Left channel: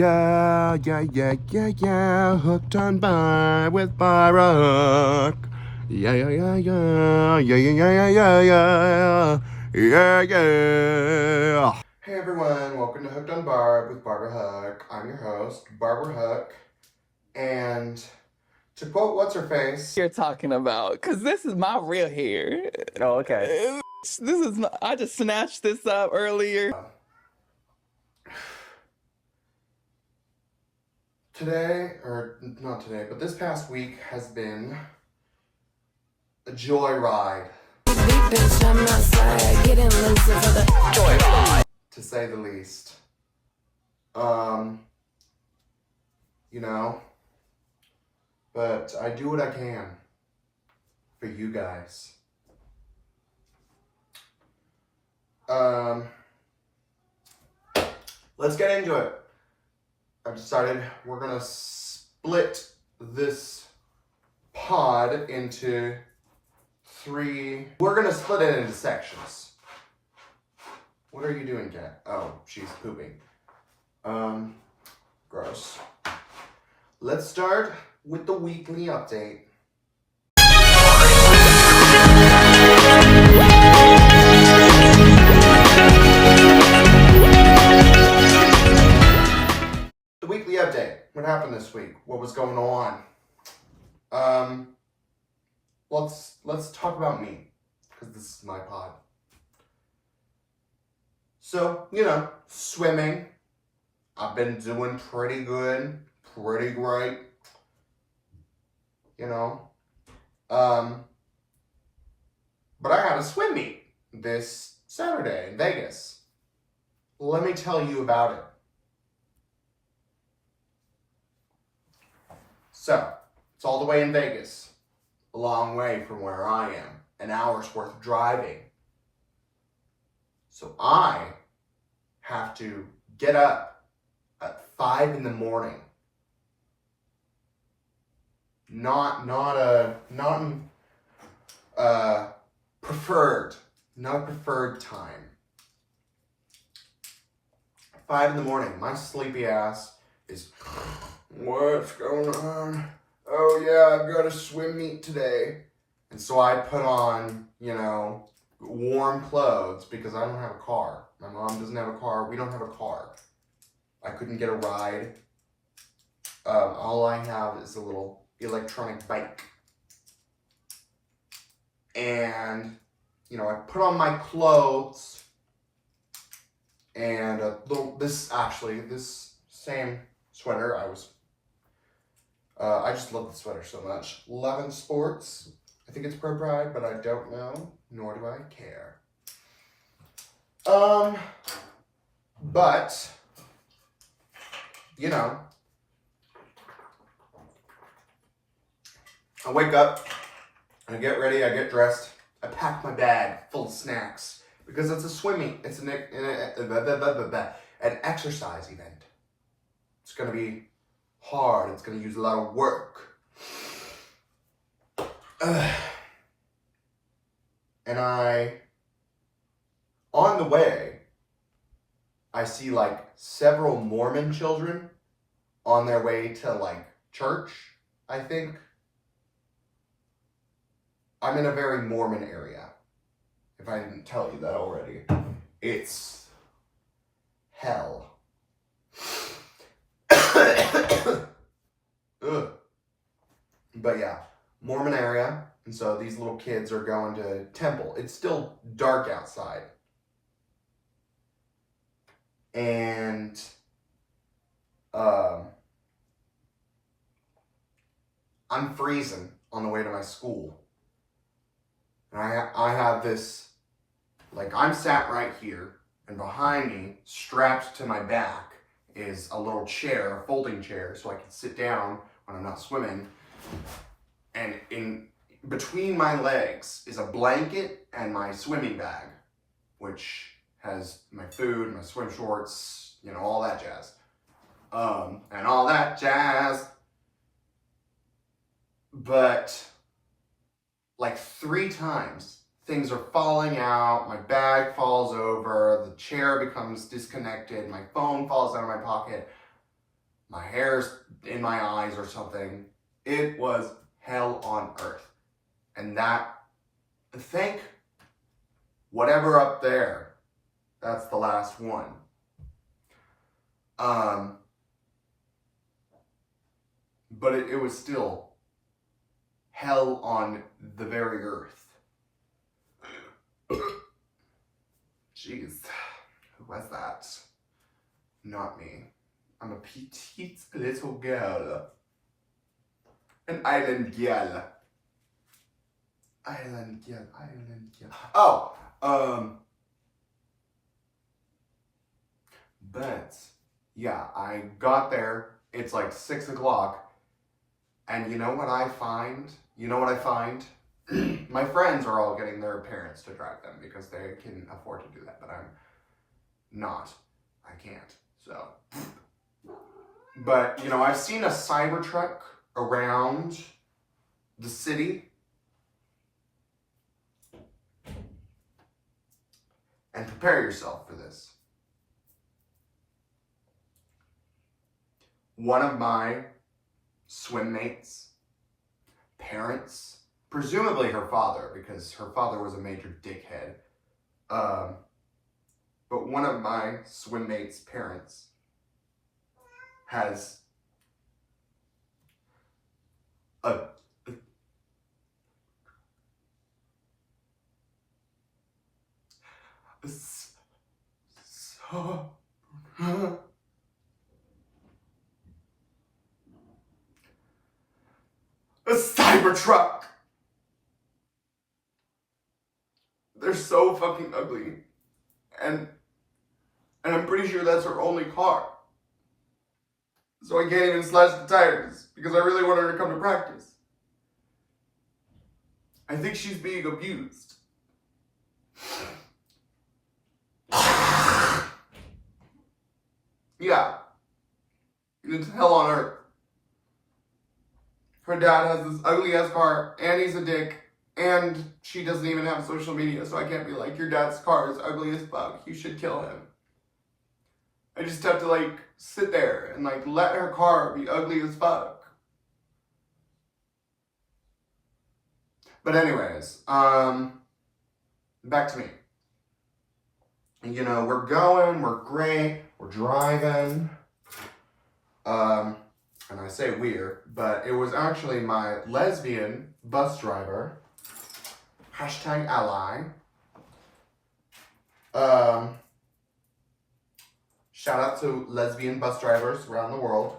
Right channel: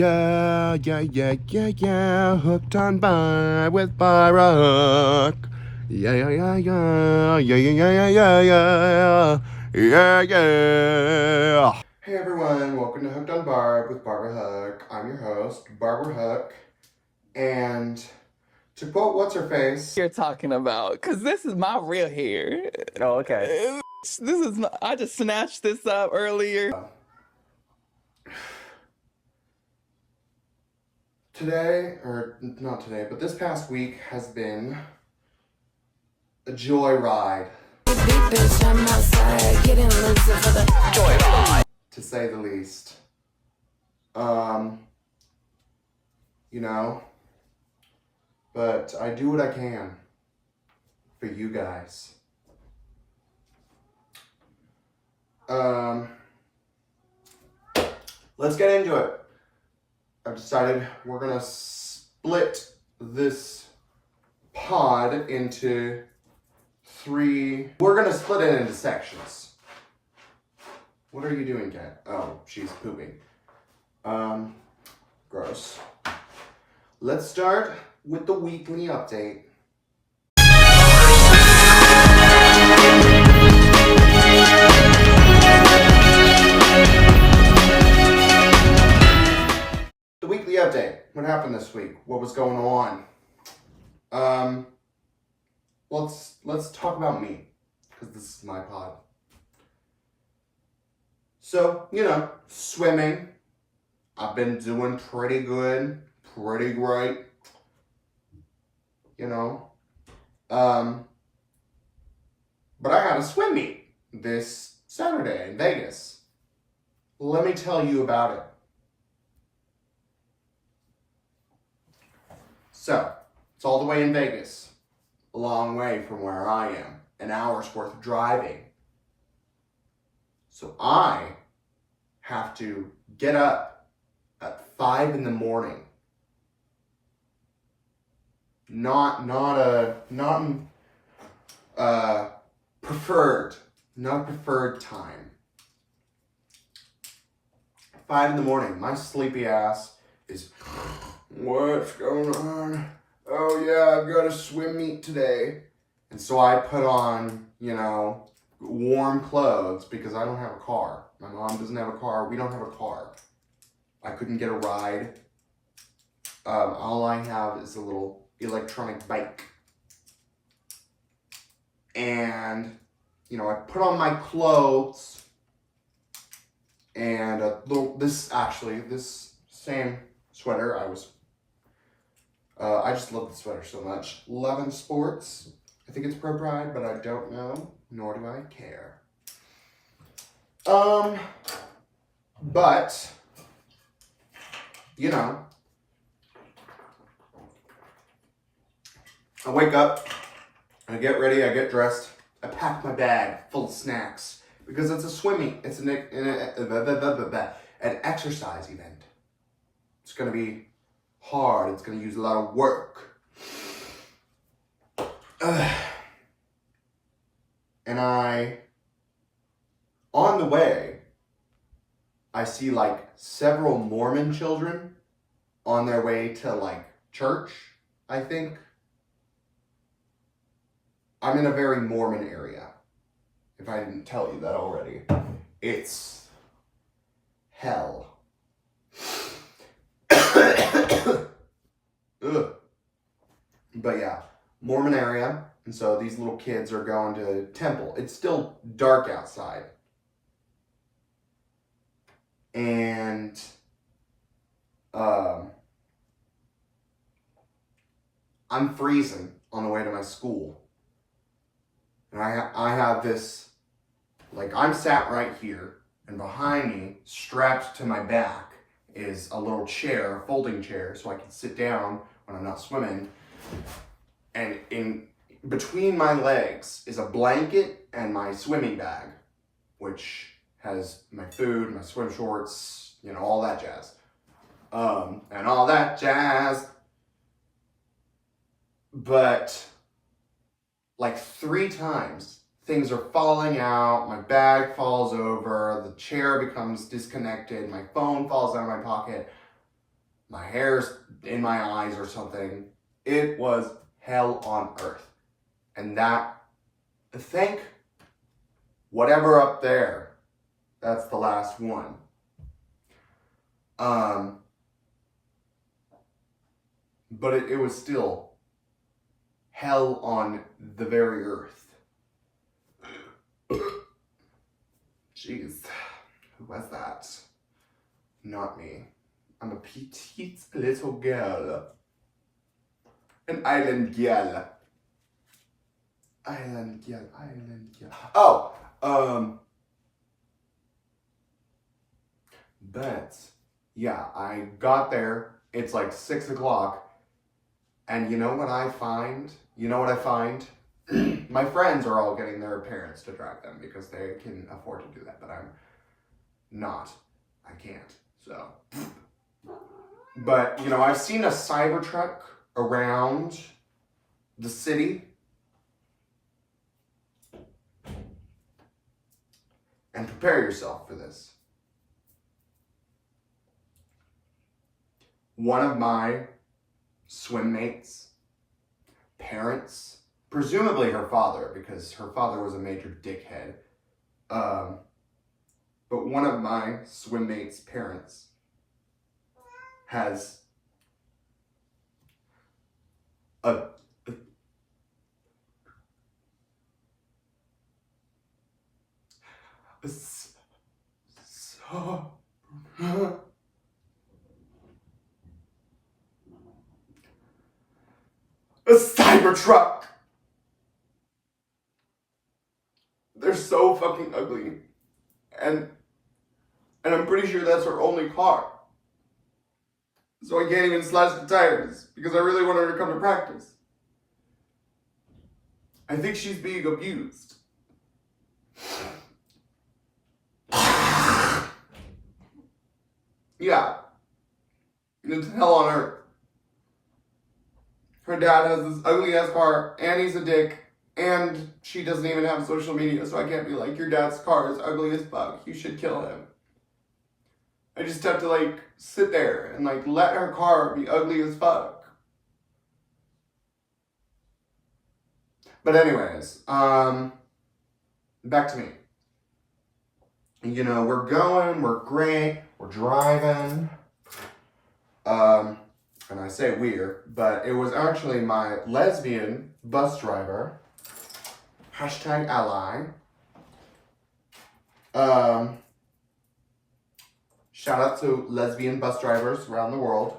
Yeah, yeah, yeah, yeah, yeah. Hooked on Bar with Barbara Hook. Yeah, yeah, yeah, yeah. Yeah, yeah, yeah, yeah, yeah, yeah. Yeah, yeah. Hey everyone, welcome to Hooked on Barb with Barbara Hook. I'm your host, Barbara Hook. And to quote What's Her Face, you're talking about, because this is my real hair. Oh, okay. This is I just snatched this up earlier. today, or not today, but this past week has been a joyride. Bitch, I'm outside getting loose for the Joyride. To say the least. You know, but I do what I can for you guys. Let's get into it. I've decided we're gonna split this pod into three. We're gonna split it into sections. What are you doing, Kat? Oh, she's pooping. Gross. Let's start with the weekly update. The weekly update. What happened this week? What was going on? Let's talk about me, because this is my pod. So, you know, swimming. I've been doing pretty good, pretty great. You know. But I had a swim meet this Saturday in Vegas. Let me tell you about it. So, it's all the way in Vegas. A long way from where I am. An hour's worth of driving. So I have to get up at 5 in the morning. Not preferred time. 5 in the morning. My sleepy ass is, what's going on? Oh yeah, I've got a swim meet today. And so I put on, you know, warm clothes because I don't have a car. My mom doesn't have a car. We don't have a car. I couldn't get a ride. All I have is a little electronic bike. And, you know, I put on my clothes and this same sweater I just love the sweater so much. Levin Sports. I think it's Pro Pride, but I don't know, nor do I care. But, you know, I wake up, I get ready, I get dressed, I pack my bag full of snacks, because it's a swim meet, it's an exercise event. It's gonna be hard, it's gonna use a lot of work. And on the way, I see like several Mormon children on their way to like church, I think. I'm in a very Mormon area, if I didn't tell you that already. It's hell. Ugh. But yeah, Mormon area, and so these little kids are going to temple. It's still dark outside. And I'm freezing on the way to my school. And I have this, like, I'm sat right here, and behind me, strapped to my back, is a little chair, a folding chair, so I can sit down when I'm not swimming. And in between my legs is a blanket and my swimming bag, which has my food, my swim shorts, you know, all that jazz. And all that jazz. But like 3 times, things are falling out, my bag falls over, the chair becomes disconnected, my phone falls out of my pocket. my hair's in my eyes or something. It was hell on earth. And that, thank whatever up there, that's the last one. But it was still hell on the very earth. Jeez, who was that? Not me. I'm a petite little girl. An island girl. Island girl, island girl. Oh, but yeah, I got there. It's like 6 o'clock. And you know what I find? My friends are all getting their parents to drive them because they can afford to do that, but I'm not. I can't. So, but I've seen a Cybertruck around the city. And prepare yourself for this. One of my swim mates' parents, presumably her father, because her father was a major dickhead, but one of my swim mates' parents has a Cybertruck. They're so fucking ugly. And I'm pretty sure that's her only car. So I can't even slash the tires because I really want her to come to practice. I think she's being abused. Yeah. It's hell on earth. Her dad has this ugly ass car, and he's a dick, and she doesn't even have social media, so I can't be like, your dad's car is ugly as fuck, you should kill him. I just have to sit there and let her car be ugly as fuck. But anyways, back to me. We're going, we're great, we're driving. And I say we're, but it was actually my lesbian bus driver, #ally. Shout out to lesbian bus drivers around the world.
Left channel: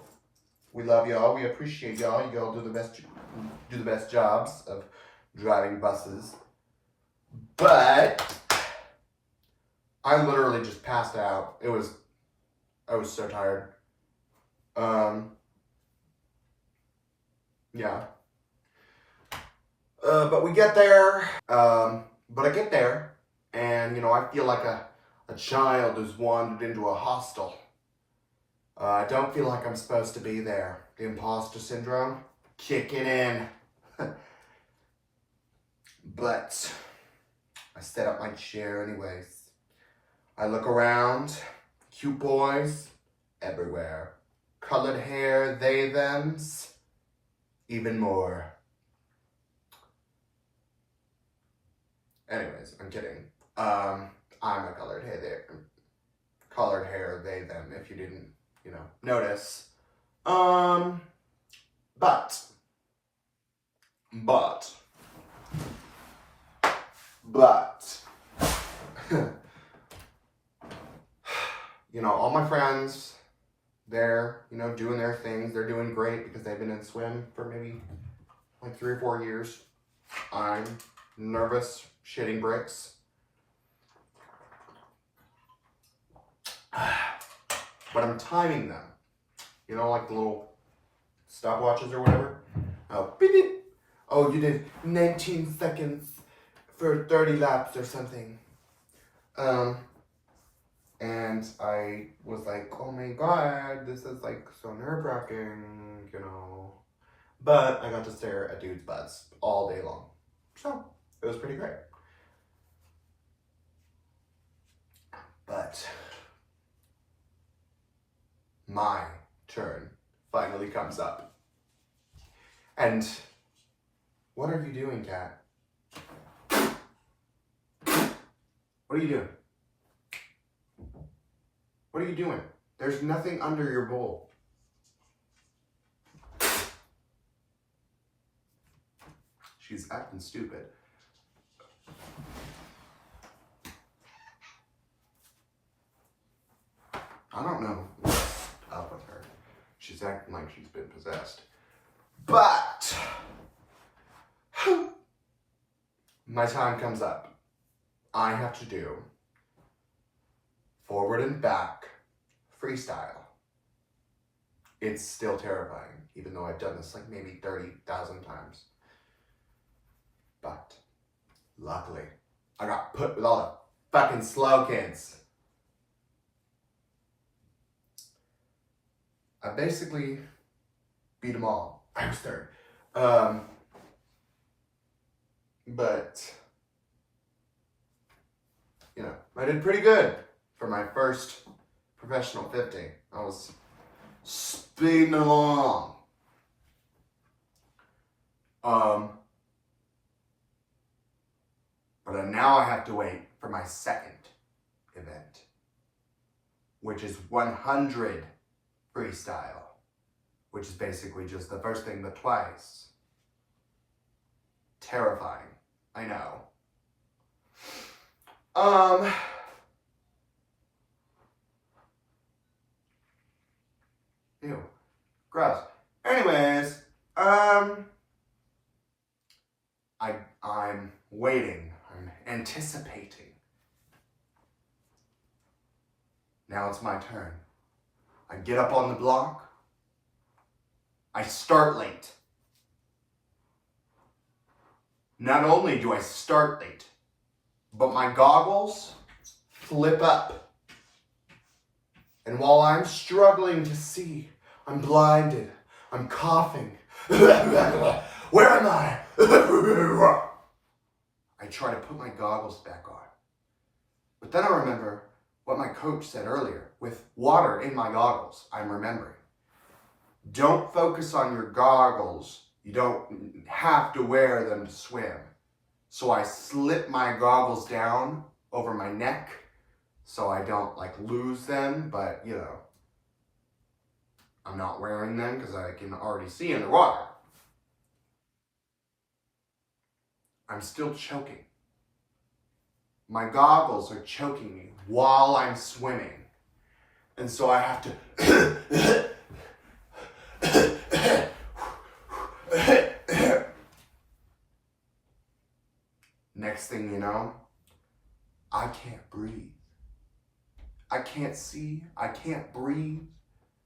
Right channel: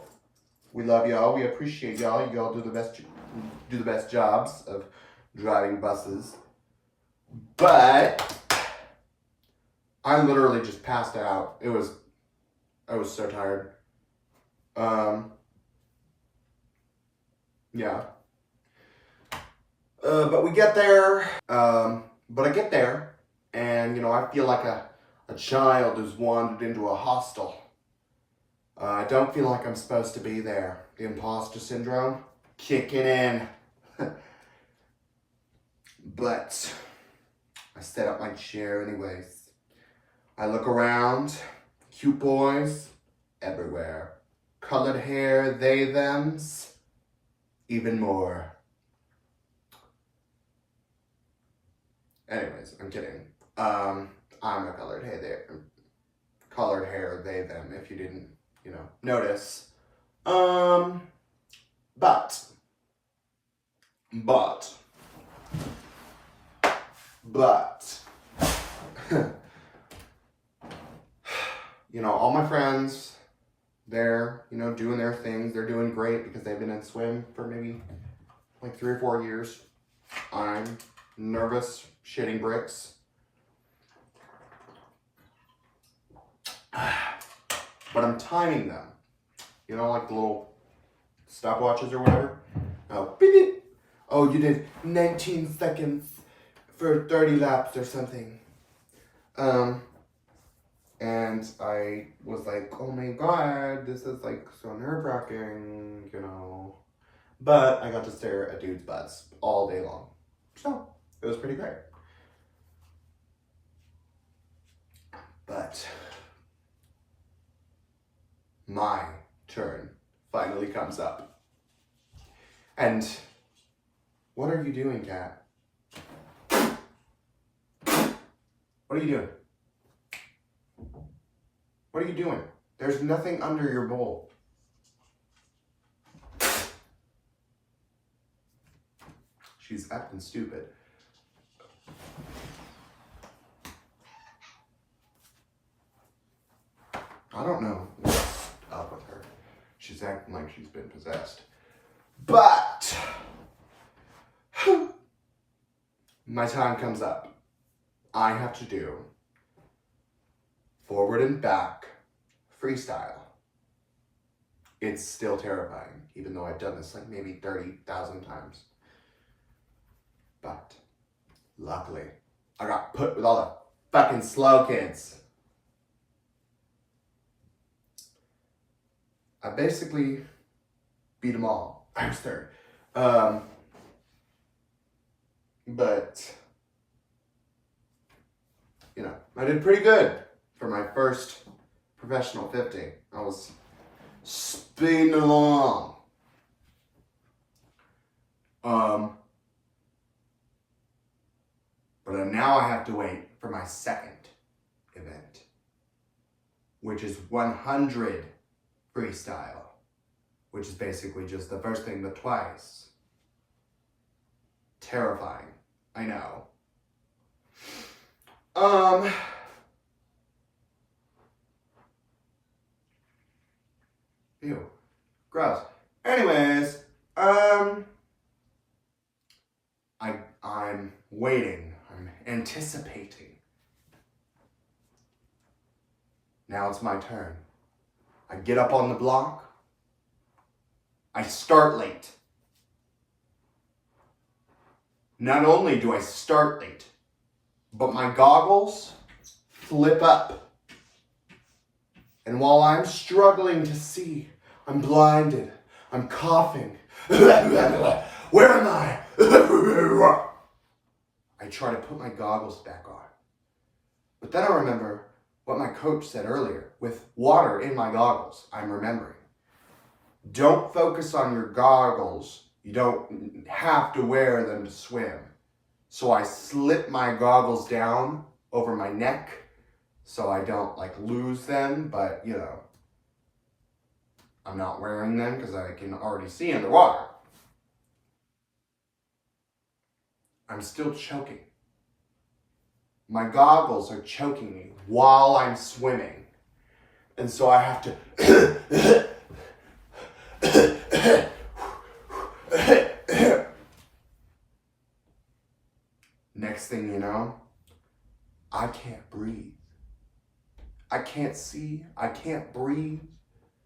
We love y'all. We appreciate y'all. Y'all do the best jobs of driving buses. But I literally just passed out. I was so tired. Yeah. But we get there. But I get there, and I feel like a child who's wandered into a hostel. I don't feel like I'm supposed to be there. The imposter syndrome kicking in. But I set up my chair anyways. I look around. Cute boys everywhere. Colored hair, they, thems. Even more. Anyways, I'm kidding. I'm a colored hair, they, them, if you didn't, notice. But, all my friends, they're, doing their things. They're doing great because they've been in swim for maybe 3 or 4 years. I'm nervous, shitting bricks. But I'm timing them. Like the little stopwatches or whatever. Oh, beep, beep. Oh, you did 19 seconds for 30 laps or something. And I was like, oh my god, this is so nerve-wracking, But I got to stare at dudes' butts all day long. So, it was pretty great. But my turn immediately comes up. And what are you doing, Kat? What are you doing? What are you doing? There's nothing under your bowl. She's acting stupid. I don't know what's up with her. She's acting like she's been possessed. But my time comes up. I have to do forward and back freestyle. It's still terrifying, even though I've done this like maybe 30,000 times. But luckily, I got put with all the fucking slow kids. I basically beat them all. I was third. But, you know, I did pretty good for my first professional 50. I was speeding along. But now I have to wait for my second event, which is 100 freestyle, which is basically just the first thing but twice. Terrifying, I know. Ew, gross. Anyways, I'm waiting. I'm anticipating. Now it's my turn. I get up on the block. I start late. Not only do I start late, but my goggles flip up. And while I'm struggling to see, I'm blinded. I'm coughing. Where am I? I try to put my goggles back on. But then I remember what my coach said earlier. With water in my goggles, I'm remembering. Don't focus on your goggles. You don't have to wear them to swim. So I slip my goggles down over my neck so I don't like lose them, but you know, I'm not wearing them because I can already see underwater. I'm still choking. My goggles are choking me while I'm swimming. And so I have to next thing you know, I can't breathe. I can't see. I can't breathe.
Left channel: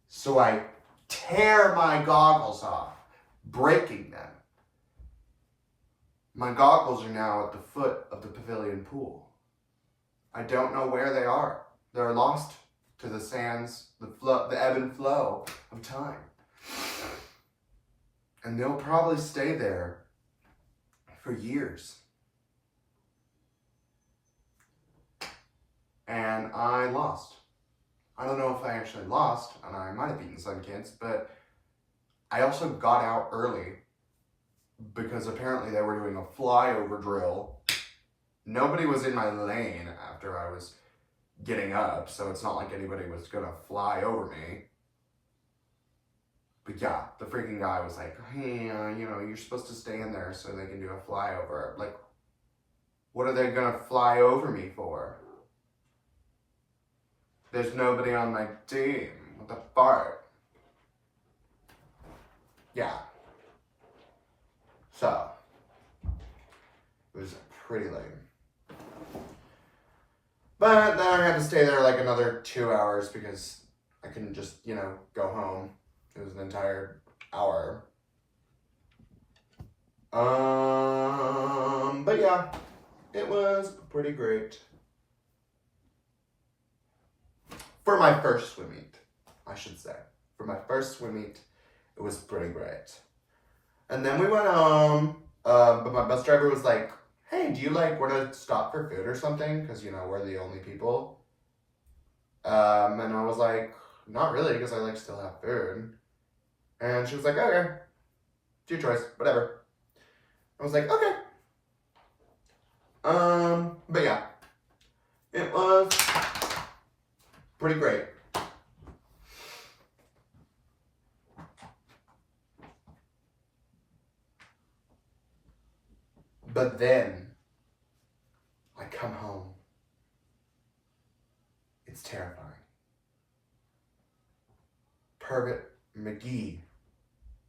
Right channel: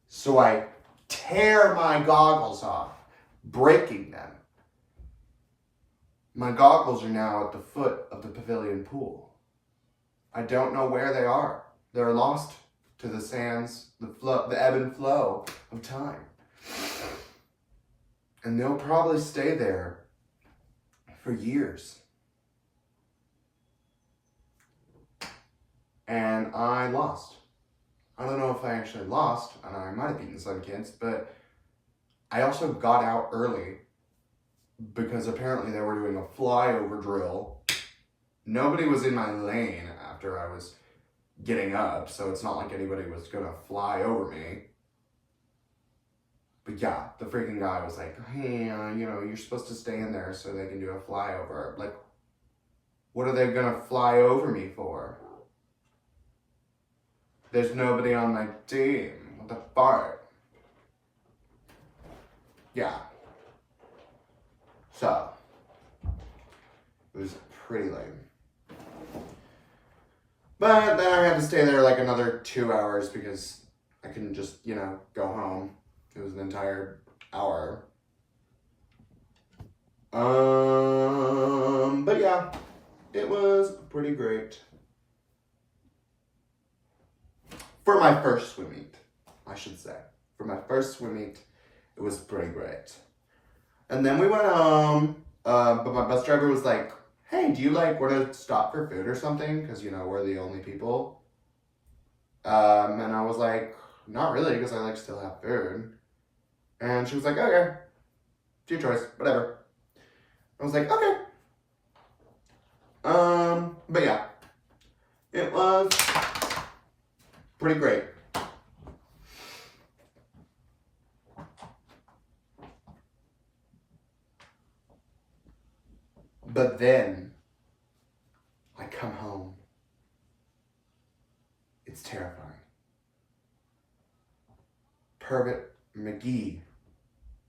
So I tear my goggles off, breaking them. My goggles are now at the foot of the pavilion pool. I don't know where they are. They're lost to the sands, the ebb and flow of time. And they'll probably stay there for years. And I lost. I don't know if I actually lost, and I might have beaten some kids, but I also got out early because apparently they were doing a flyover drill. Nobody was in my lane after I was getting up, so it's not like anybody was gonna fly over me. But yeah, the freaking guy was like, hey, you know, you're supposed to stay in there so they can do a flyover. Like, what are they gonna fly over me for? There's nobody on my team. What the fuck? Yeah. So, it was pretty late. But then I had to stay there like another 2 hours because I couldn't just, you know, go home. It was an entire hour. But yeah, it was pretty great. For my first swim meet, I should say. For my first swim meet, it was pretty great. And then we went home, but my bus driver was like, hey, do you like want to stop for food or something? Because, you know, we're the only people. And I was like, not really, because I like still have food. And she was like, okay, it's your choice, whatever. I was like, okay. But yeah, it was pretty great. But then I come home. It's terrifying. Pervert McGee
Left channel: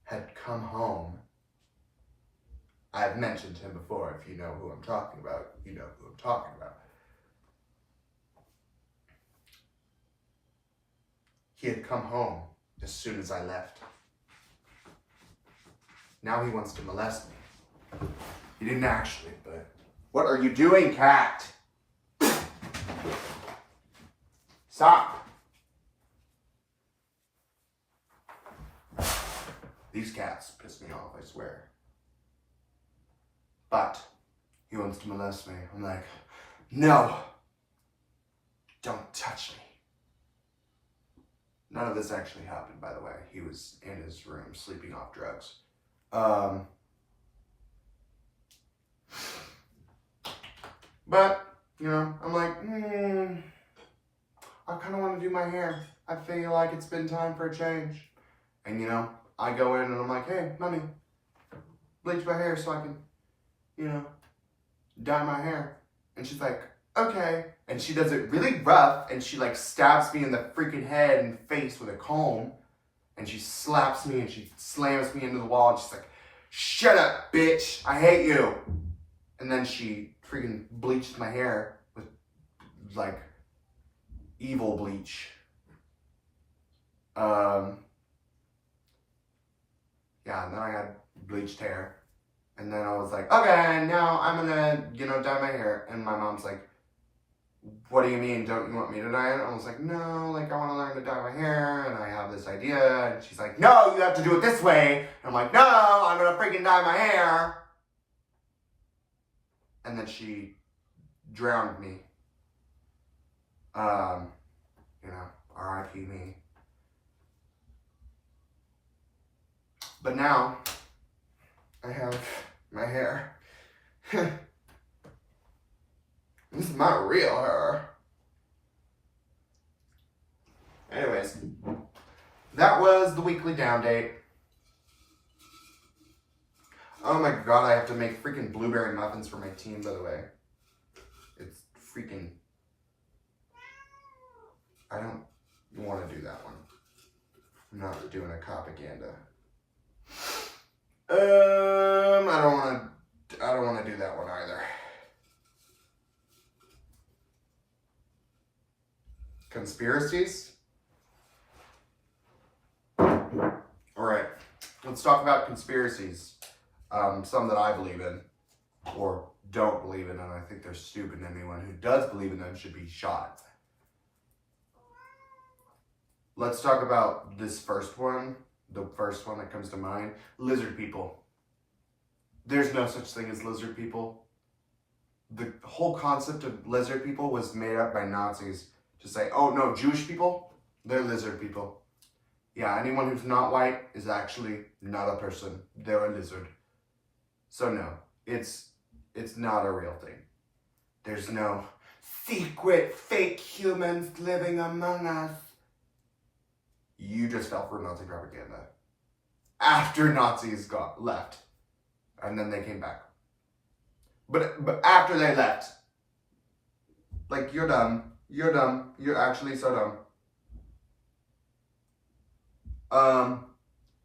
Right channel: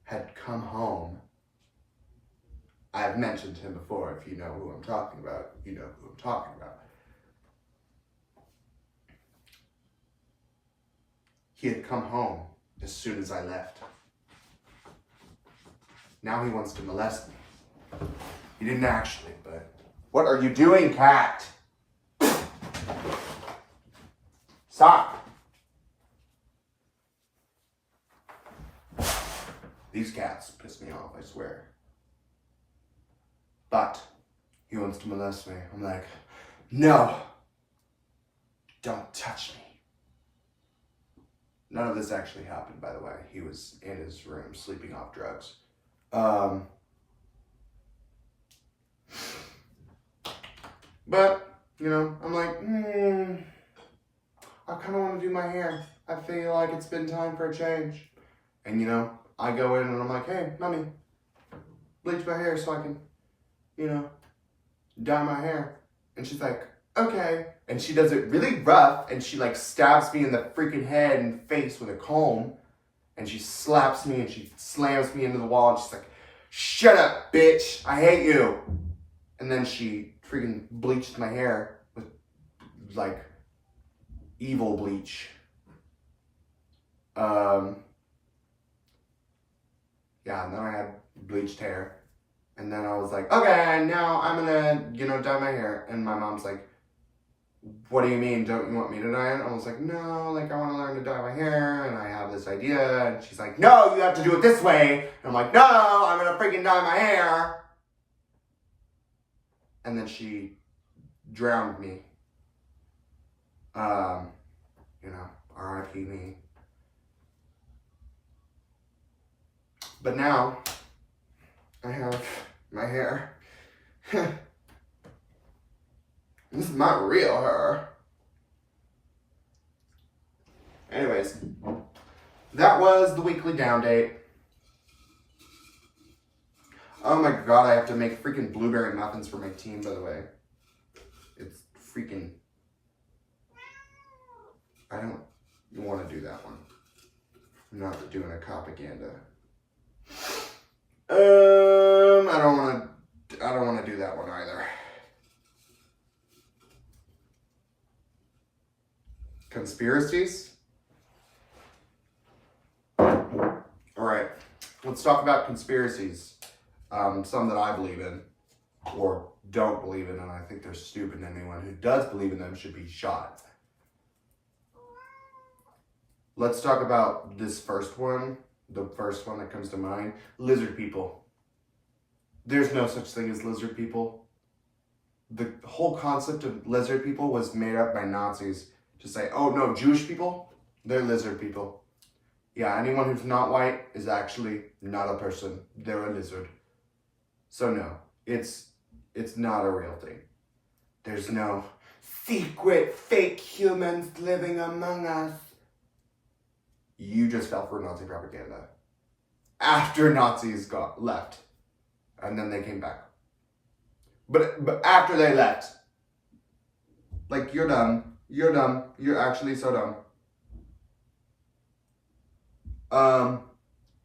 had come home. I've mentioned him before. If you know who I'm talking about, you know who I'm talking about. He had come home as soon as I left. Now he wants to molest me. He didn't actually, but... What are you doing, cat? Stop. These cats piss me off, I swear. But he wants to molest me. I'm like, no. Don't touch me. None of this actually happened, by the way. He was in his room sleeping off drugs. But, you know, I'm like, I kind of want to do my hair. I feel like it's been time for a change. And, you know, I go in and I'm like, hey, mommy, bleach my hair so I can, you know, dye my hair. And she's like, okay. And she does it really rough, and she, like, stabs me in the freaking head and face with a comb. And she slaps me and she slams me into the wall, and she's like, shut up, bitch. I hate you. And then she freaking bleached my hair with, like, evil bleach. Yeah, and then I had bleached hair. And then I was like, okay, now I'm gonna, you know, dye my hair. And my mom's like, what do you mean? Don't you want me to dye it? I was like, no, like, I want to learn to dye my hair, and I have this idea. And she's like, no, you have to do it this way. And I'm like, no, I'm gonna freaking dye my hair. And then she drowned me. You know, R.I.P. me. But now, I have my hair. This is my real hair. Anyways, that was the weekly down date. Oh my god, I have to make freaking blueberry muffins for my team, by the way. It's freaking... I don't want to do that one. I'm not doing a propaganda. I don't want to do that one either. Conspiracies? Alright, let's talk about conspiracies. Some that I believe in, or don't believe in, and I think they're stupid, and anyone who does believe in them should be shot. Let's talk about this first one, the first one that comes to mind. Lizard people. There's no such thing as lizard people. The whole concept of lizard people was made up by Nazis to say, oh no, Jewish people, they're lizard people. Yeah, anyone who's not white is actually not a person. They're a lizard. So no, it's not a real thing. There's no secret fake humans living among us. You just fell for Nazi propaganda. After Nazis left. And then they came back. But after they left, like, you're dumb. You're dumb. You're actually so dumb.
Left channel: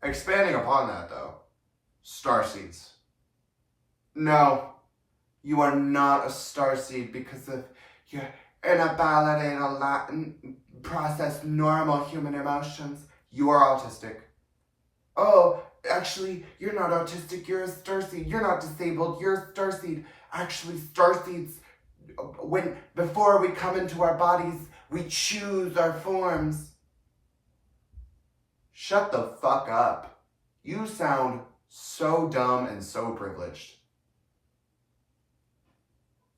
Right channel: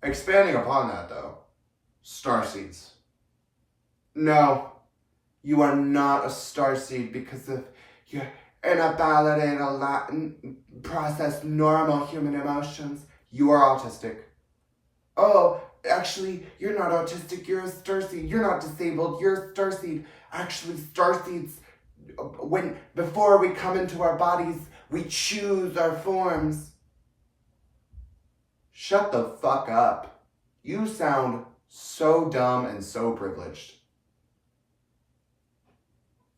Expanding upon that, though. Starseeds. No, you are not a starseed because of your inability to process normal human emotions. You are autistic. Oh, actually, you're not autistic. You're a starseed. You're not disabled. You're a starseed. Actually, starseeds, before we come into our bodies, we choose our forms. Shut the fuck up. You sound so dumb and so privileged.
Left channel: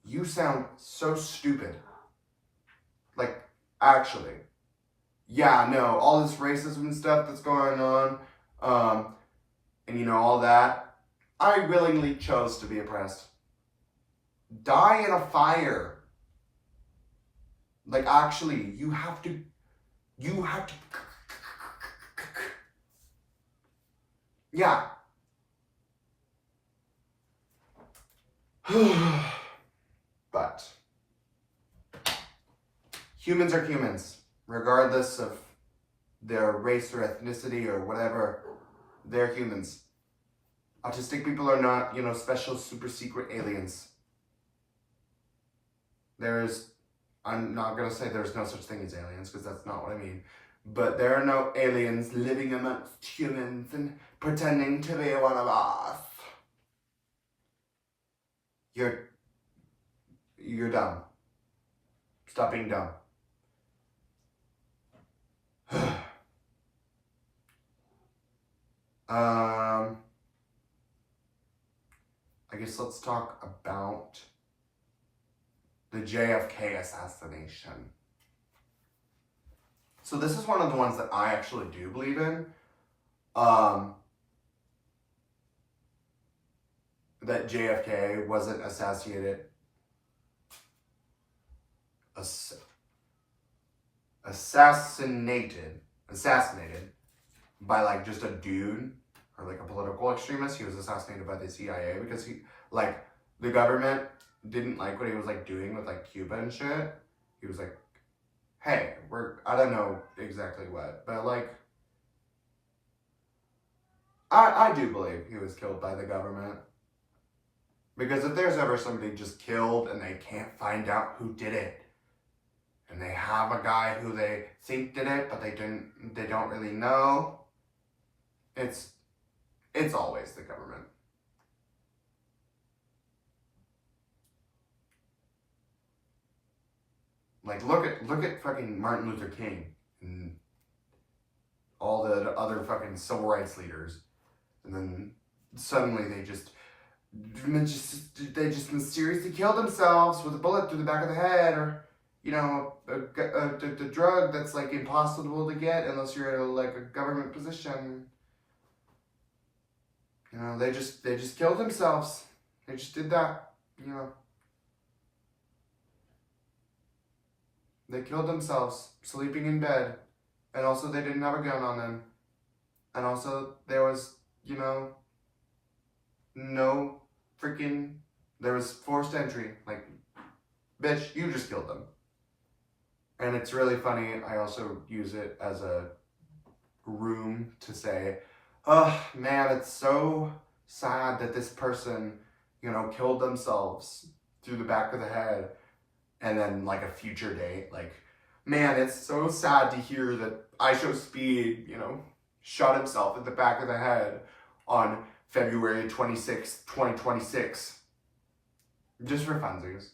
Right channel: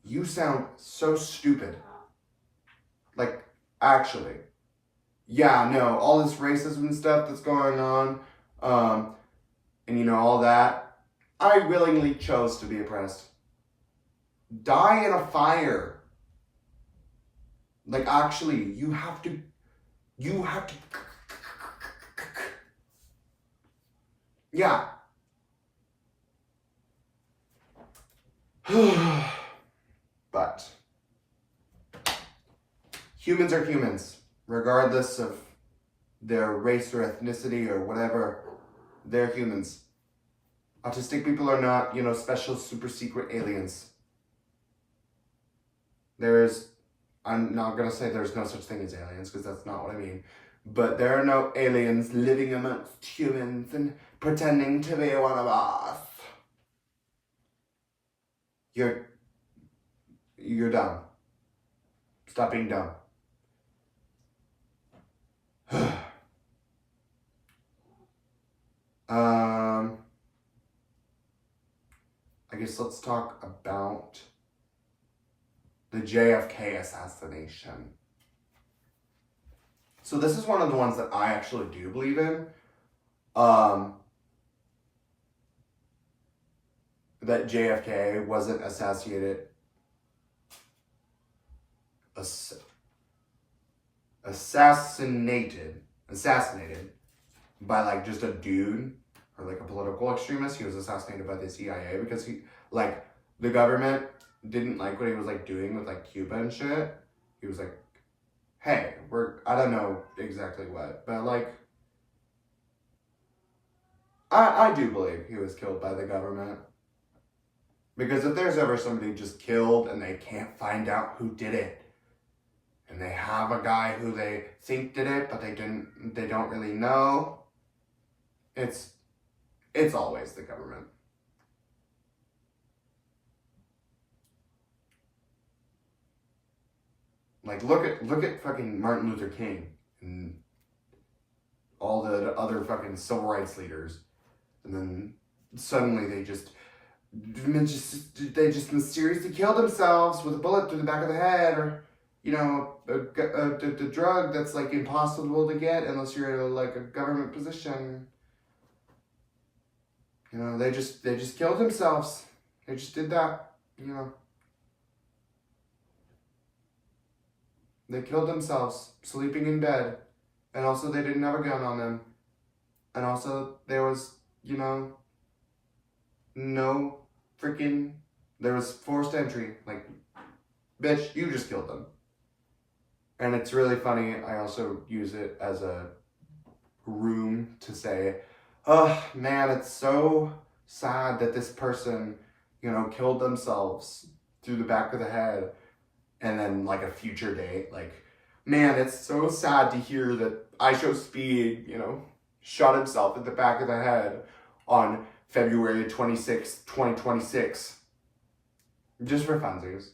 You sound so stupid. Like, actually. Yeah, no, all this racism and stuff that's going on, and you know, all that. I willingly chose to be oppressed. Die in a fire. Like, actually, you have to, yeah. But humans are humans, regardless of their race or ethnicity or whatever. They're humans. Autistic people are not, you know, special super secret aliens. I'm not gonna say there's no such thing as aliens, because that's not what I mean. But there are no aliens living amongst humans and pretending to be one of us. You're dumb. Stop being dumb. I guess let's talk about the JFK assassination. So this is one of the ones that I actually do believe in. That JFK wasn't assassinated by like just a dude or like a political extremist. He was assassinated by the CIA because the government didn't like what he was like doing with like Cuba and shit. He was like, hey, I don't know exactly what, but like, I do believe he was killed by the government. Because if there's ever somebody just killed and they can't find out who did it, and they have a guy who they think did it, but they don't really know, it's always the government. Like, look at fucking Martin Luther King and all the other fucking civil rights leaders, and then suddenly they just mysteriously kill themselves with a bullet through the back of the head, or you know, a drug that's like impossible to get unless you're in like a government position. You know, they just killed themselves. They just did that. You know, they killed themselves sleeping in bed, and also they didn't have a gun on them, and also there was, you know, there was forced entry. Like, bitch, you just killed them. And it's really funny. I also use it as a room to say, oh man, it's so sad that this person, you know, killed themselves through the back of the head. And then like a future date, like, man, it's so sad to hear that IShowSpeed, you know, shot himself in the back of the head on February 26, 2026. Just for funsies.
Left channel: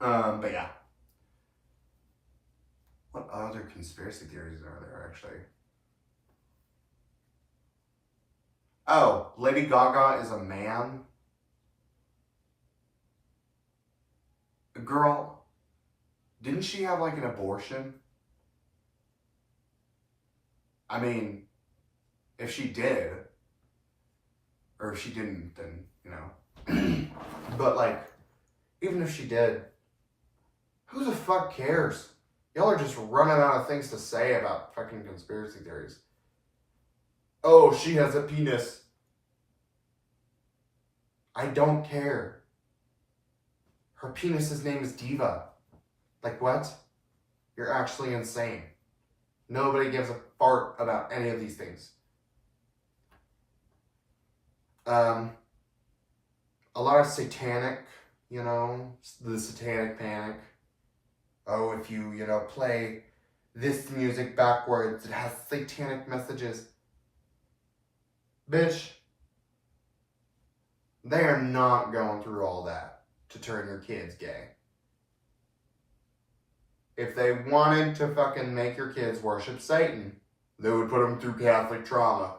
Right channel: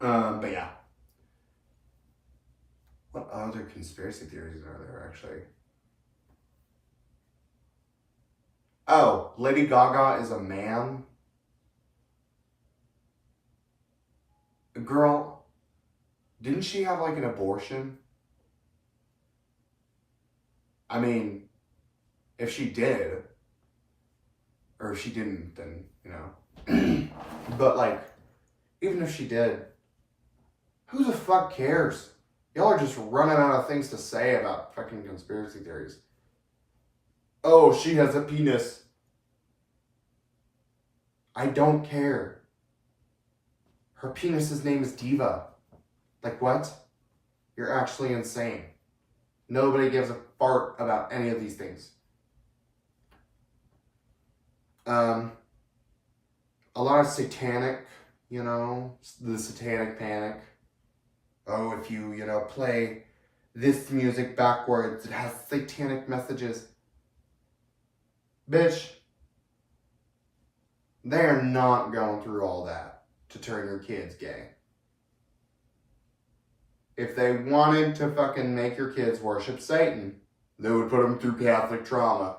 But yeah. What other conspiracy theories are there, actually? Oh, Lady Gaga is a man. Girl, didn't she have like an abortion? I mean, if she did, or if she didn't, then, you know. But like, even if she did, who the fuck cares? Y'all are just running out of things to say about fucking conspiracy theories. Oh, she has a penis. I don't care. Her penis's name is Diva. Like, what? You're actually insane. Nobody gives a fart about any of these things. A lot of satanic, you know, the satanic panic. Oh, if you know, play this music backwards, it has satanic messages. Bitch, they are not going through all that to turn your kids gay. If they wanted to fucking make your kids worship Satan, they would put them through Catholic trauma.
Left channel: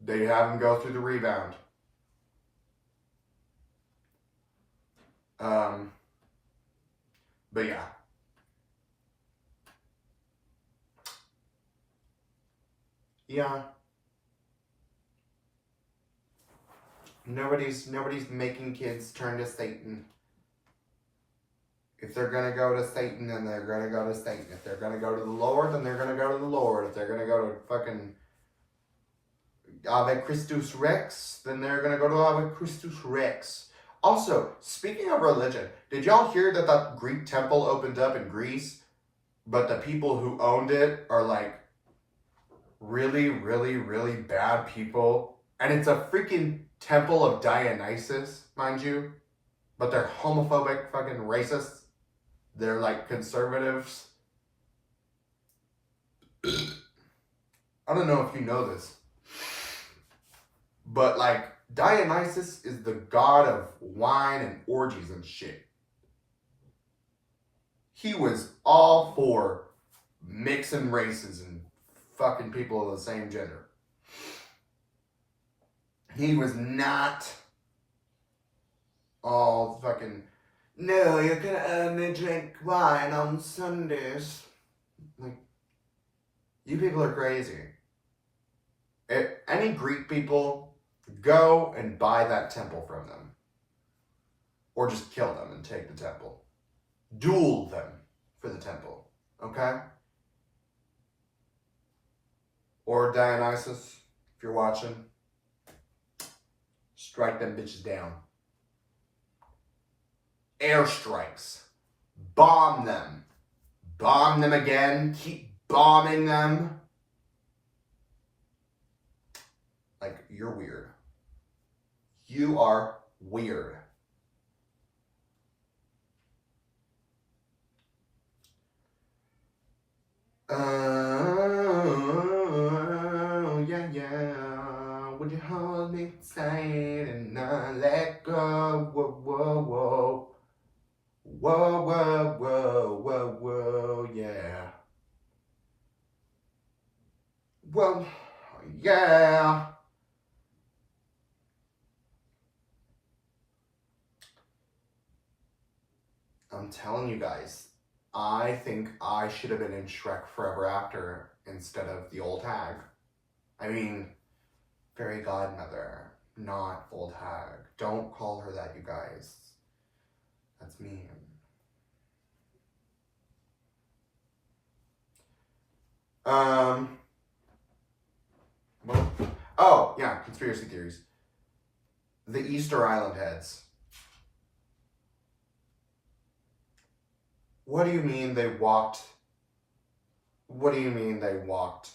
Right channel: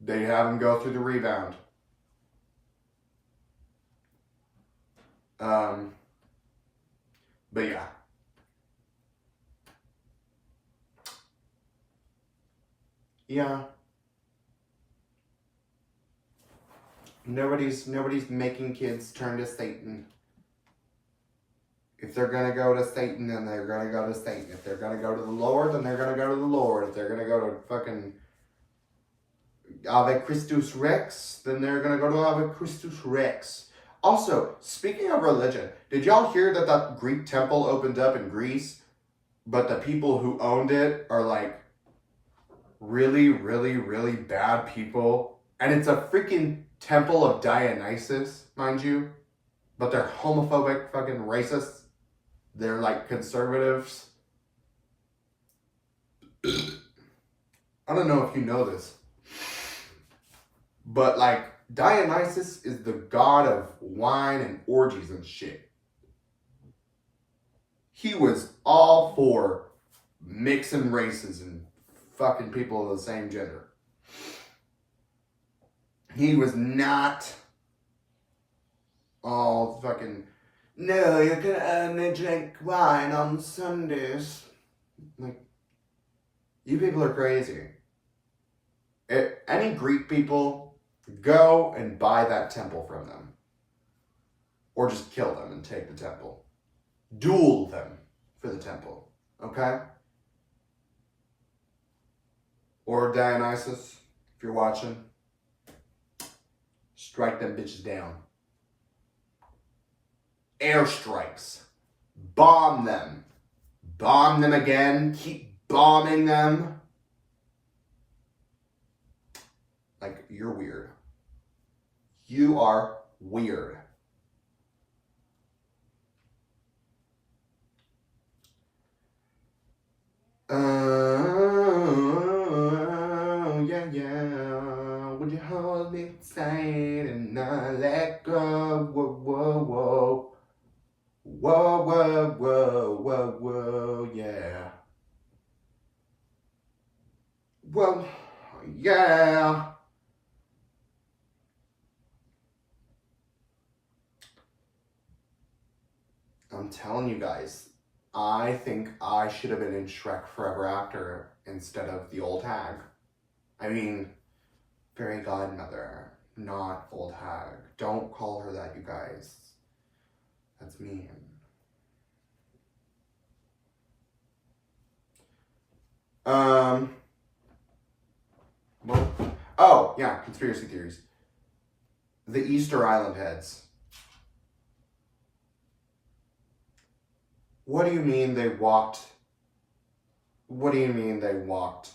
They'd have them go through the rebound. But yeah. Yeah. Nobody's making kids turn to Satan. If they're gonna go to Satan, then they're gonna go to Satan. If they're gonna go to the Lord, then they're gonna go to the Lord. If they're gonna go to fucking Ave Christus Rex, then they're gonna go to Ave Christus Rex. Also, speaking of religion, did y'all hear that that Greek temple opened up in Greece, but the people who owned it are like really, really, really bad people? And it's a freaking temple of Dionysus, mind you, but they're homophobic fucking racists. They're like conservatives. I don't know if you know this, but like Dionysus is the god of wine and orgies and shit. He was all for mixing races and fucking people of the same gender. He was not all fucking, no, you can only drink wine on Sundays. Like, you people are crazy. Any Greek people, go and buy that temple from them. Or just kill them and take the temple. Duel them for the temple. Okay? Or Dionysus, if you're watching, strike them bitches down. Airstrikes. Bomb them. Bomb them again. Keep bombing them. Like, you're weird. You are weird. Yeah. Would you hold me tight and not let go? Whoa, whoa, whoa. Whoa, whoa, whoa, whoa, whoa, yeah. Well, yeah. I'm telling you guys, I think I should have been in Shrek Forever After instead of the old hag. I mean, fairy godmother, not old hag. Don't call her that, you guys. That's mean. Well, oh, yeah, conspiracy theories. The Easter Island heads. What do you mean they walked? What do you mean they walked?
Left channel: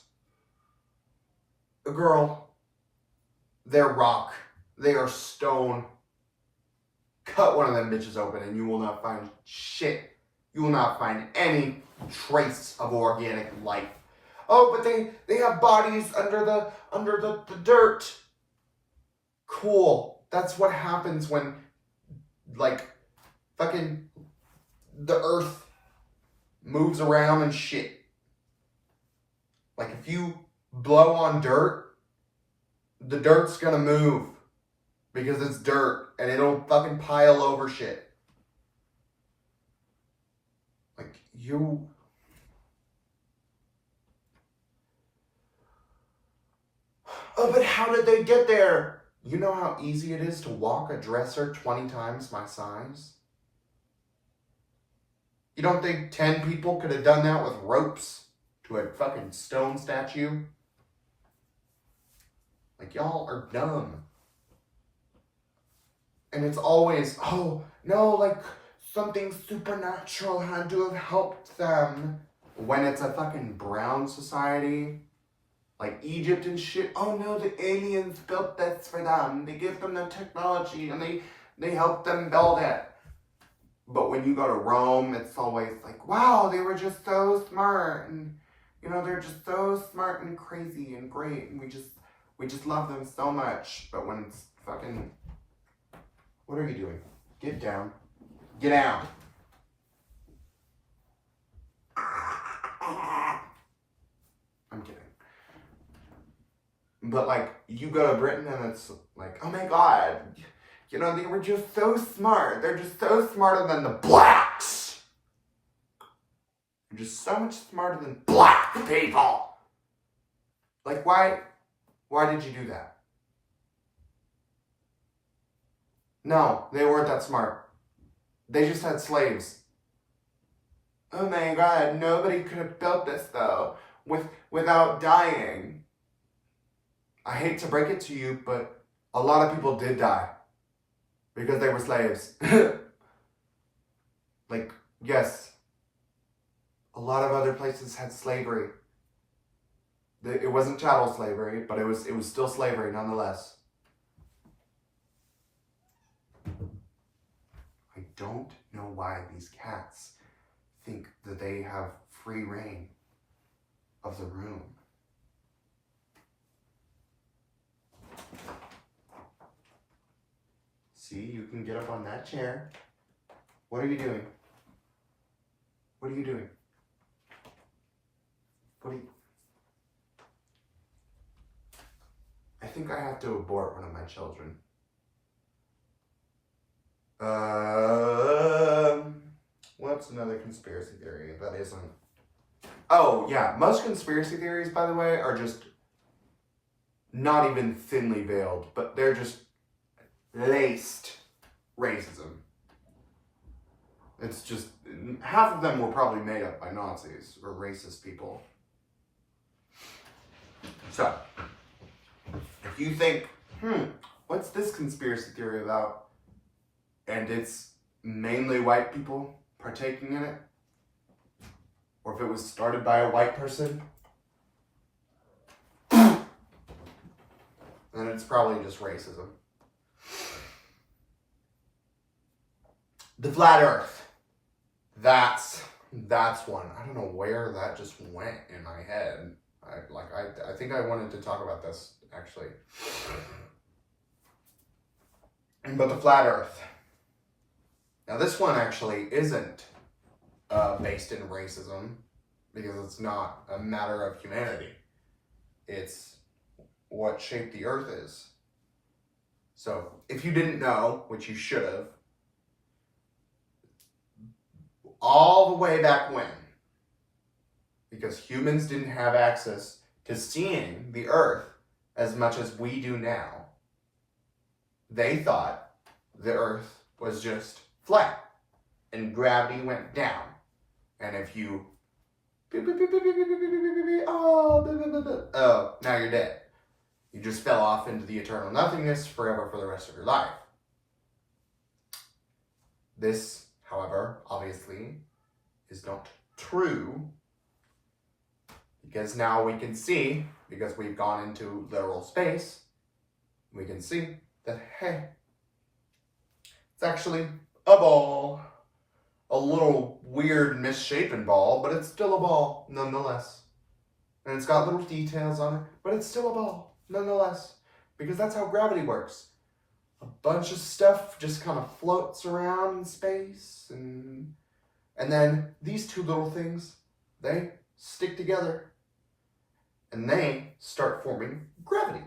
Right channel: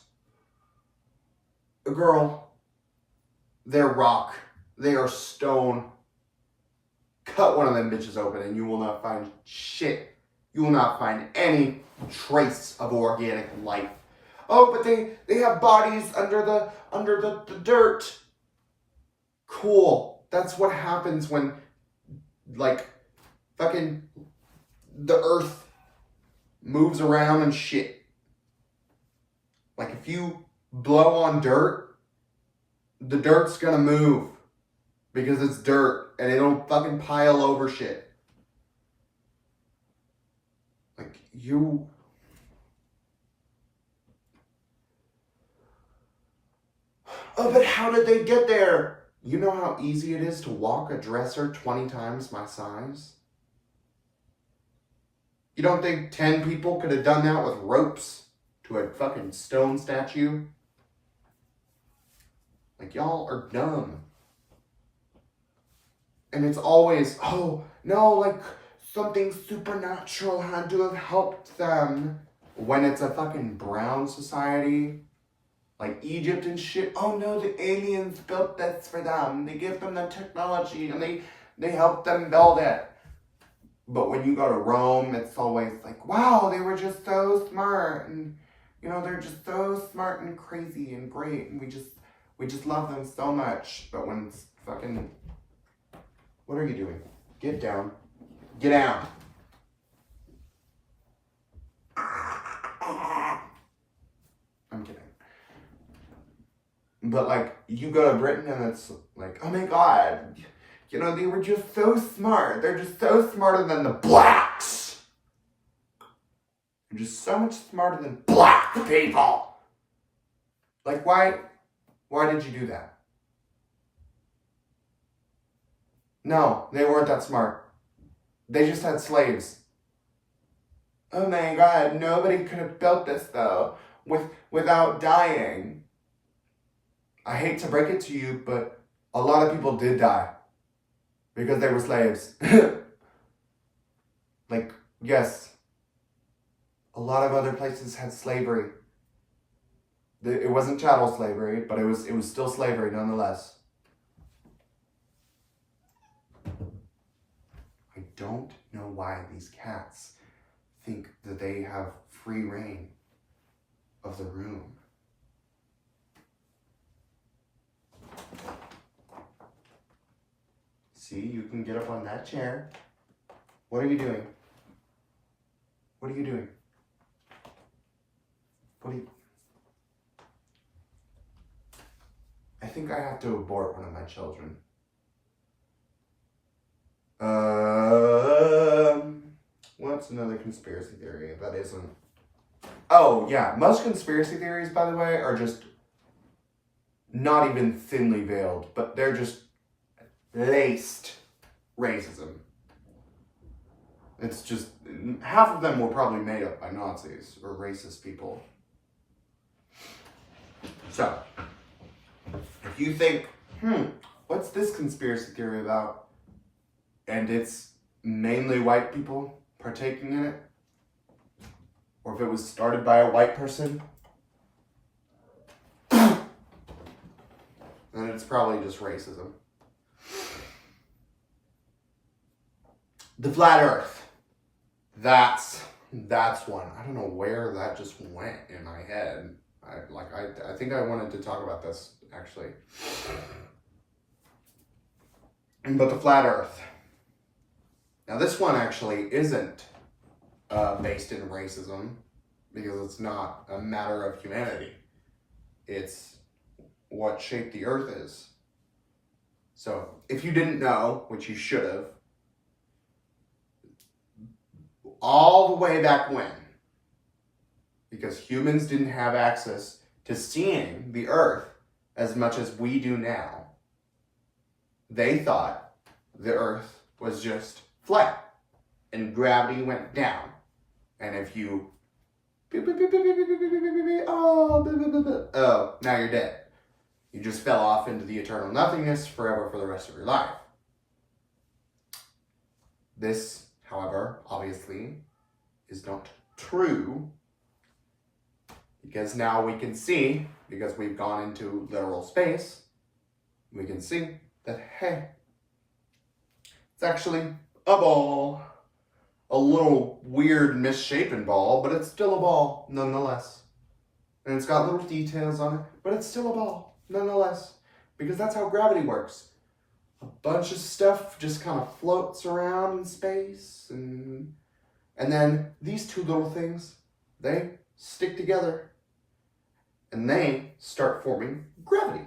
Girl, they're rock. They are stone. Cut one of them bitches open and you will not find shit. You will not find any trace of organic life. Oh, but they have bodies under the dirt. Cool. That's what happens when, like, fucking the earth moves around and shit. Like, if you blow on dirt, the dirt's gonna move. Because it's dirt, and it'll fucking pile over shit. Like, you... Oh, but how did they get there? You know how easy it is to walk a dresser 20 times my size? You don't think 10 people could have done that with ropes to a fucking stone statue? Like, y'all are dumb. And it's always, oh, no, like, something supernatural had to have helped them. When it's a fucking brown society, like Egypt and shit, oh no, the aliens built this for them. They give them the technology and they help them build it. But when you go to Rome, it's always like, wow, they were just so smart. And, you know, they're just so smart and crazy and great. And we just love them so much. But when it's fucking... What are you doing? Get down. Get down. I'm kidding. But, like, you go to Britain and it's like, oh my god. You know, they were just so smart. They're just so smarter than the blacks. They're just so much smarter than black people. Like, why did you do that? No, they weren't that smart. They just had slaves. Oh my God, nobody could have built this though, without dying. I hate to break it to you, but a lot of people did die because they were slaves. Like, yes, a lot of other places had slavery. It wasn't chattel slavery, but it was still slavery nonetheless. I don't know why these cats think that they have free reign of the room. See, you can get up on that chair. What are you doing? What are you doing? I think I have to abort one of my children. What's another conspiracy theory that isn't? Oh, yeah. Most conspiracy theories, by the way, are just not even thinly veiled, but they're just laced racism. It's just, half of them were probably made up by Nazis or racist people. So, if you think, what's this conspiracy theory about? And it's mainly white people partaking in it, or if it was started by a white person, then it's probably just racism. The flat earth. That's one. I don't know where that just went in my head. I think I wanted to talk about this, actually. But the flat earth. Now this one actually isn't based in racism, because it's not a matter of humanity. It's what shape the earth is. So if you didn't know, which you should have, all the way back when, because humans didn't have access to seeing the earth as much as we do now, they thought the earth was just flat and gravity went down. And if you oh, now you're dead. You just fell off into the eternal nothingness forever for the rest of your life. This, however, obviously is not true, because now we can see, because we've gone into literal space, we can see that, hey, it's actually a ball. A little weird misshapen ball, but it's still a ball nonetheless. And it's got little details on it, but it's still a ball nonetheless, because that's how gravity works. A bunch of stuff just kind of floats around in space, and then these two little things, they stick together and they start forming gravity.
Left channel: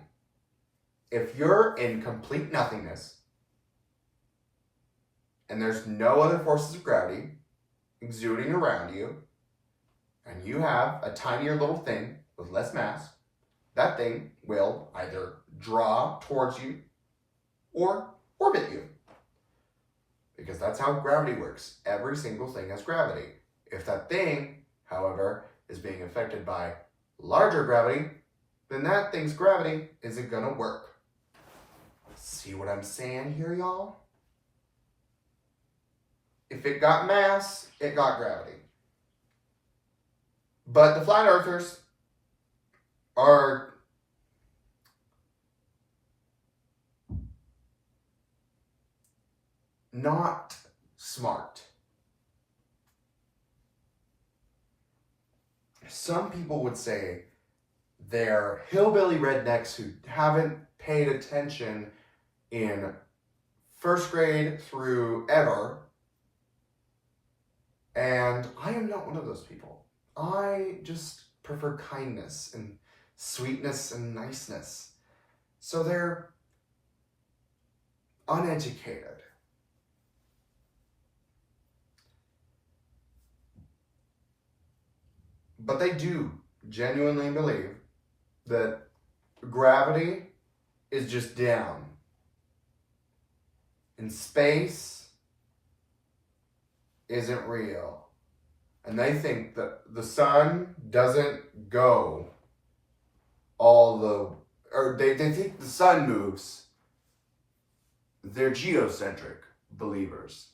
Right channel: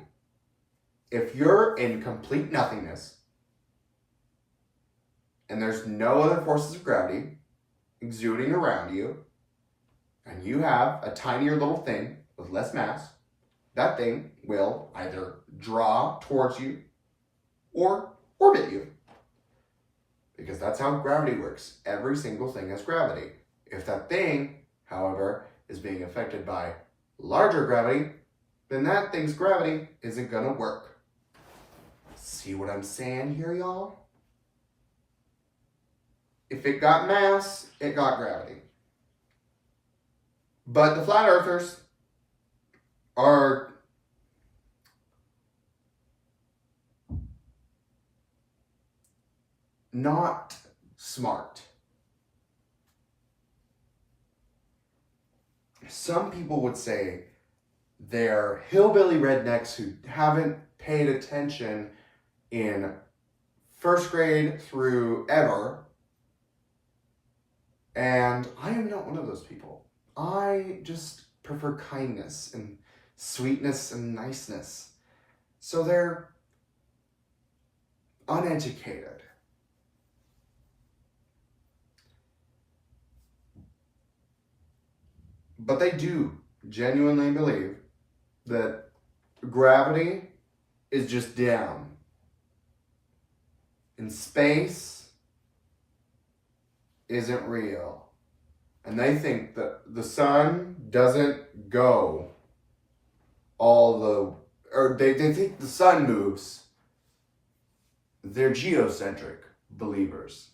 If you're in complete nothingness and there's no other forces of gravity exuding around you, and you have a tinier little thing with less mass, that thing will either draw towards you or orbit you. Because that's how gravity works. Every single thing has gravity. If that thing, however, is being affected by larger gravity, then that thing's gravity isn't gonna work. See what I'm saying here, y'all? If it got mass, it got gravity. But the flat earthers are not smart. Some people would say they're hillbilly rednecks who haven't paid attention in first grade through ever. And I am not one of those people. I just prefer kindness and sweetness and niceness. So they're uneducated. But they do genuinely believe that gravity is just down. And space isn't real. And they think that the sun doesn't go they think the sun moves. They're geocentric believers.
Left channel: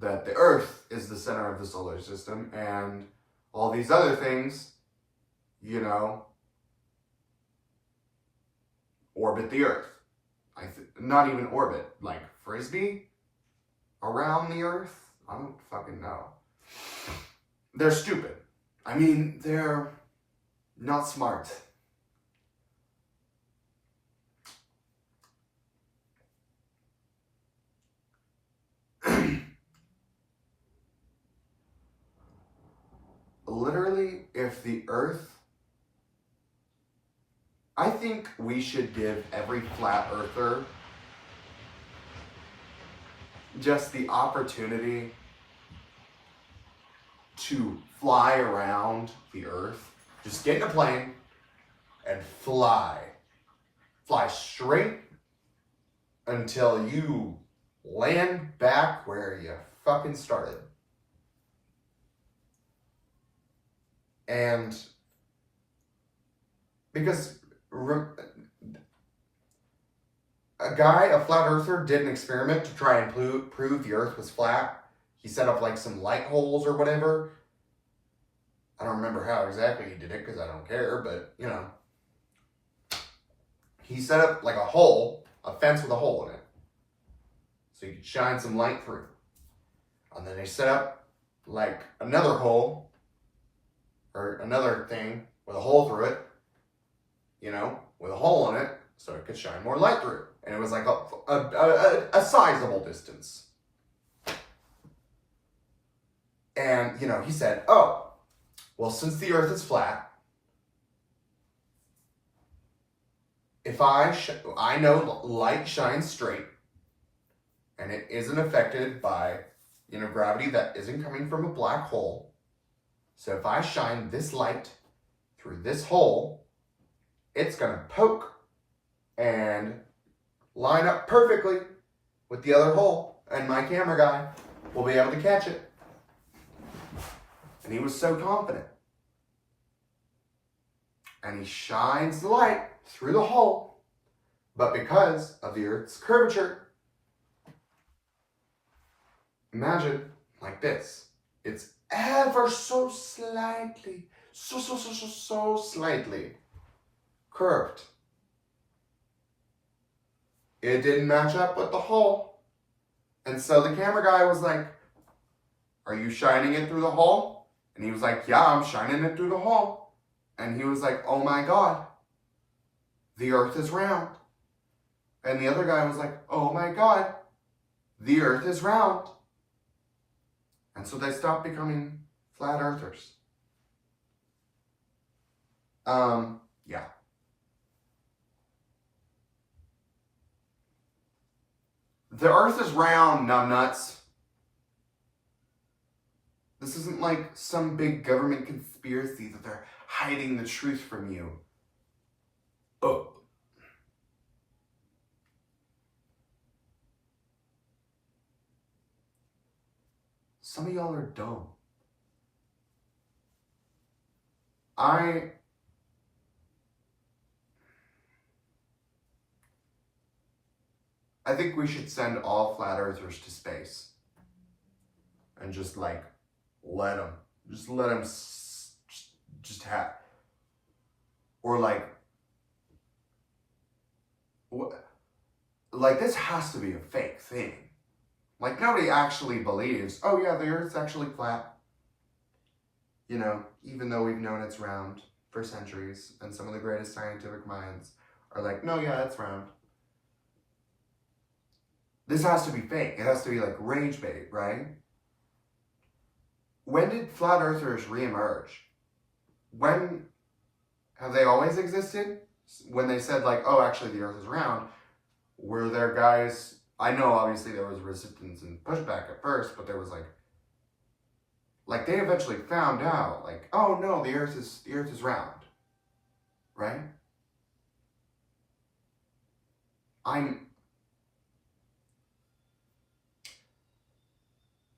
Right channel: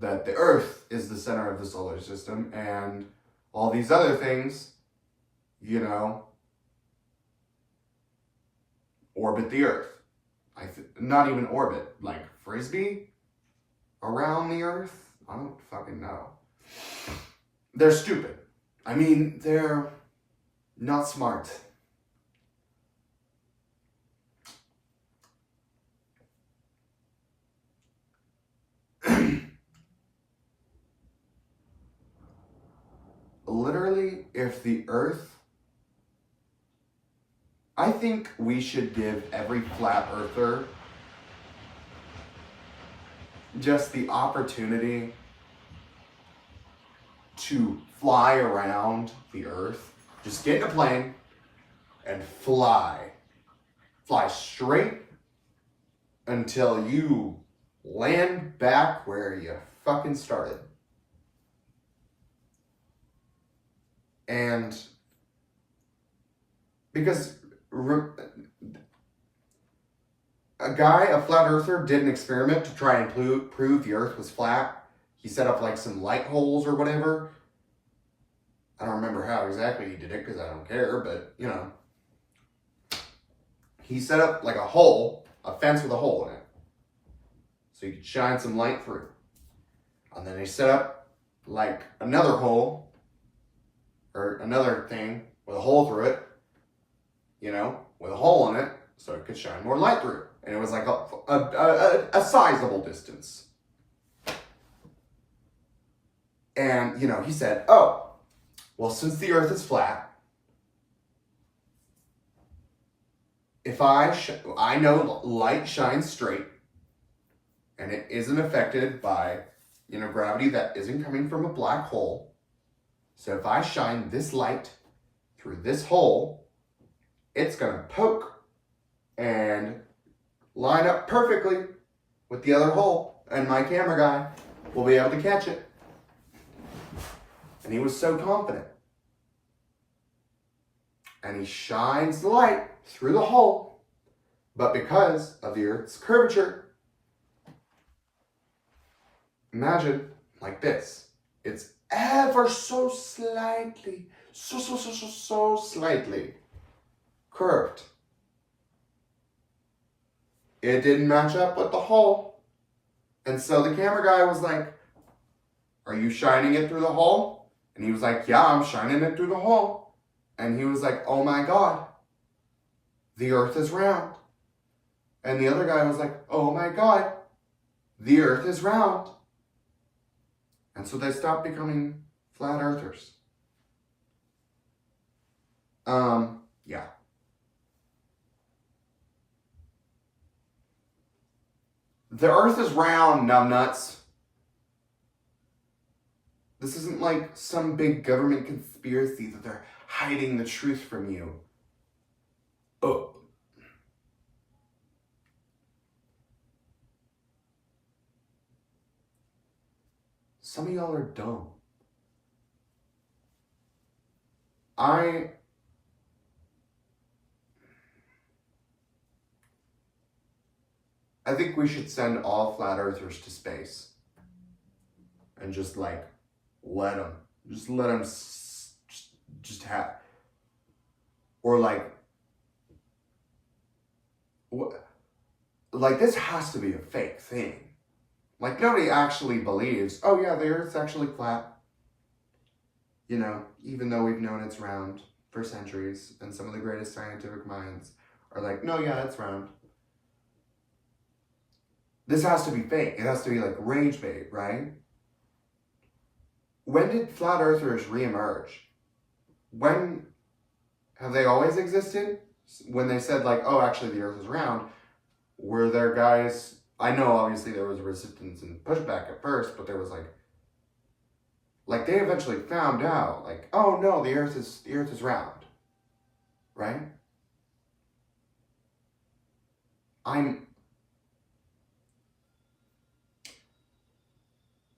That the earth is the center of the solar system and all these other things, orbit the earth. Not even orbit, like frisbee around the earth? I don't fucking know. They're stupid. I mean, they're not smart. Literally, if the earth... I think we should give every flat earther just the opportunity to fly around the earth. Just get in a plane and fly. Fly straight until you land back where you fucking started. And because a flat earther, did an experiment to try and prove the earth was flat. He set up like some light holes or whatever. I don't remember how exactly he did it because I don't care, but he set up like a fence with a hole in it. So you could shine some light through. And then he set up like another hole or another thing with a hole through it, with a hole in it, so it could shine more light through. And it was like a sizable distance. And, he said, oh, well, since the earth is flat, if I know light shines straight, and it isn't affected by, gravity that isn't coming from a black hole. So if I shine this light through this hole, it's going to poke and line up perfectly with the other hole, and my camera guy will be able to catch it. And he was so confident. And he shines the light through the hole, but because of the Earth's curvature, imagine like this. It's ever so slightly, so slightly curved. It didn't match up with the hole. And so the camera guy was like, are you shining it through the hole? And he was like, yeah, I'm shining it through the hole. And he was like, oh my God, the earth is round. And the other guy was like, oh my God, the earth is round. And so they stopped becoming flat earthers. Yeah. The earth is round, numbnuts. This isn't like some big government conspiracy that they're hiding the truth from you. Oh. Some of y'all are dumb. I think we should send all flat earthers to space. And just like, let them just have, or like this has to be a fake thing. Like nobody actually believes, oh yeah, the earth's actually flat. Even though we've known it's round for centuries, and some of the greatest scientific minds are like, no, yeah, it's round. This has to be fake. It has to be like rage bait, right? When did flat earthers reemerge? When have they always existed? When they said like, oh, actually the earth is round, were there guys, I know obviously there was resistance and pushback at first, but there was like they eventually found out like, oh no, the earth is round. right?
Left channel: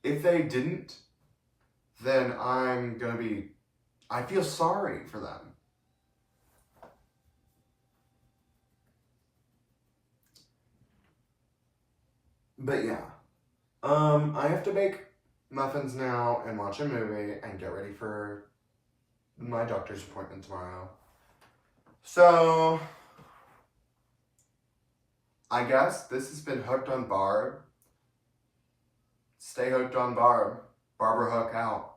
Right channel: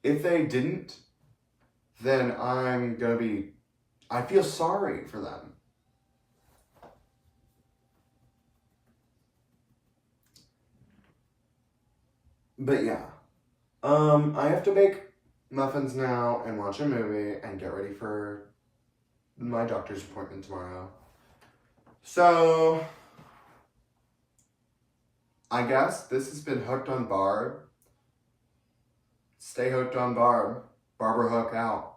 If they didn't, then I feel sorry for them. But yeah, I have to bake muffins now and watch a movie and get ready for my doctor's appointment tomorrow. So, I guess this has been Hooked on Barb. Stay hooked on Barb. Barbara Hook out.